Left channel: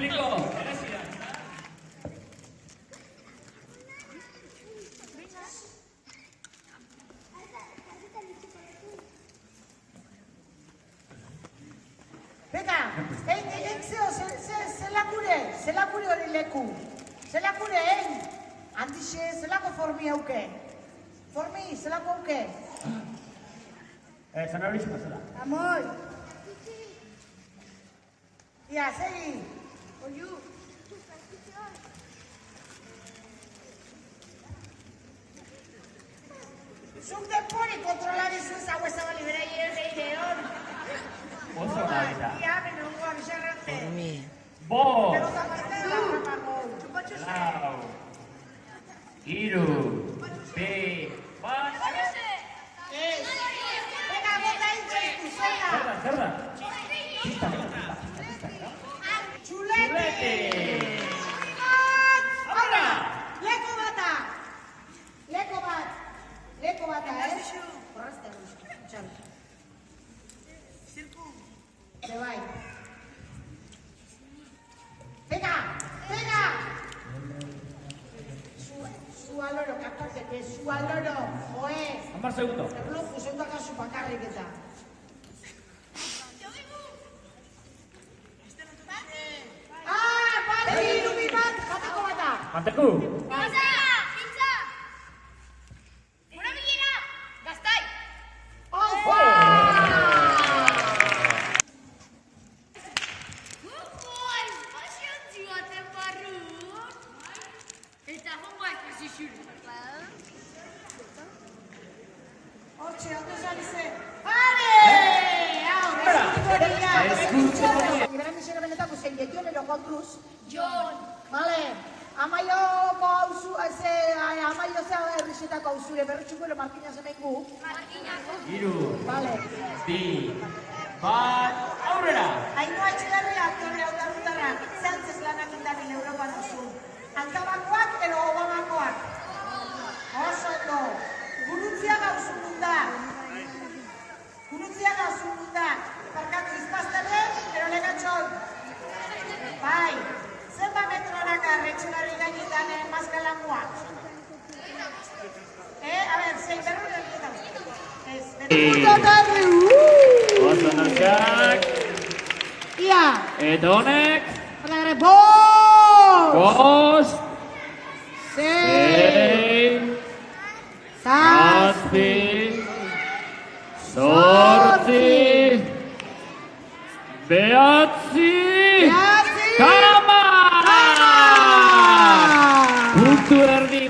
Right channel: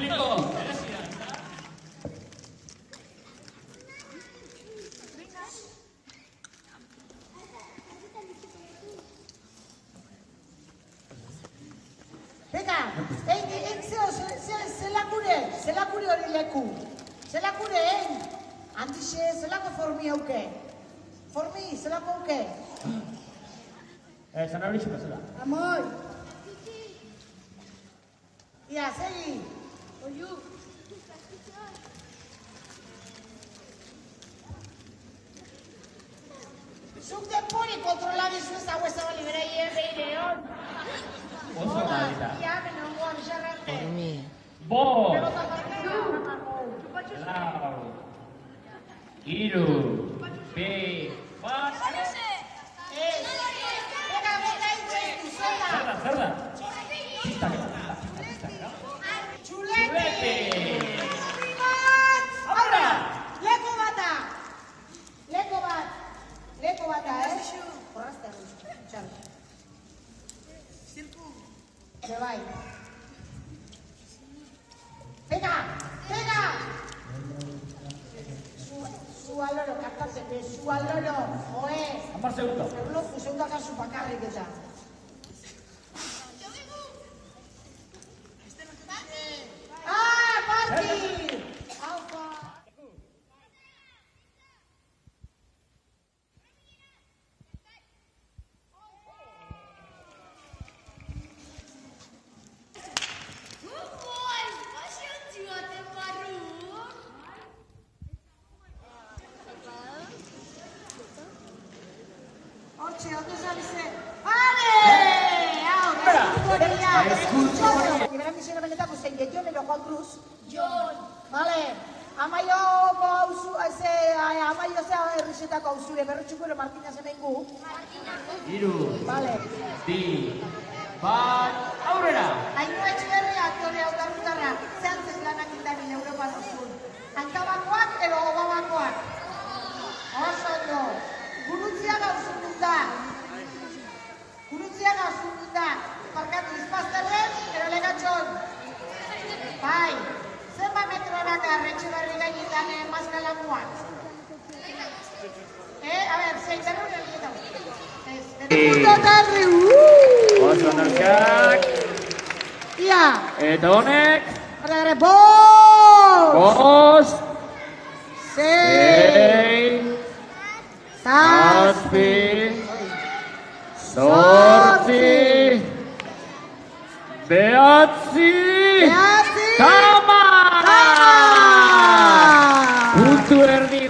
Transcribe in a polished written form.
publiko. Beka, zelakure hori leku. Zelakure, handixe, zelako formi hauke. Formi, zelako hauke. Zan hori zela. Amoi. Ia, segi. Oiu. Zuk denpori kontrolari zuez hau ezabali bera hierreire hor. Oso da eta. Ia, benongoan xarrante. Bo, Zupatxo lau, iru, bi, bat. Beka, bota hitzen, zela. Zer da? Txulete! Hala! Leko bata! Leko bata, Horrazta txal. Zirku. Bai. Pega! Su aloro, kartatzeke, su aloro. Oe! 10 segundo. Erloju, zendakazu bakarrik eta. Manteku. Hortxe, atezari zen. Gran misera benetako zein Jon ero kontruz. Jon. Vale. Amaioko hauzu, amaio zea herrizetako hauzure, berretxuko Martina zemengu. Iru, Vale. bi, bat, aurrera! Ainhoa Etxeberria, aktore aurrarutara, Sánchez lanamindarri Europan osun. Antabakoak edo obabakoak. Oso ondo. Gurutziaga uzun da. Parkatu izpaztelen, ero lehenatxon. Bai. Zenba metroraka retxugarri gainetan mazkalamuak. A ver, zein terror egiten. Oso neskak. Ia. Eta honek. Bost. 5, 6, Zazpi. 7, 8, 9, Tama! Puntu erdi.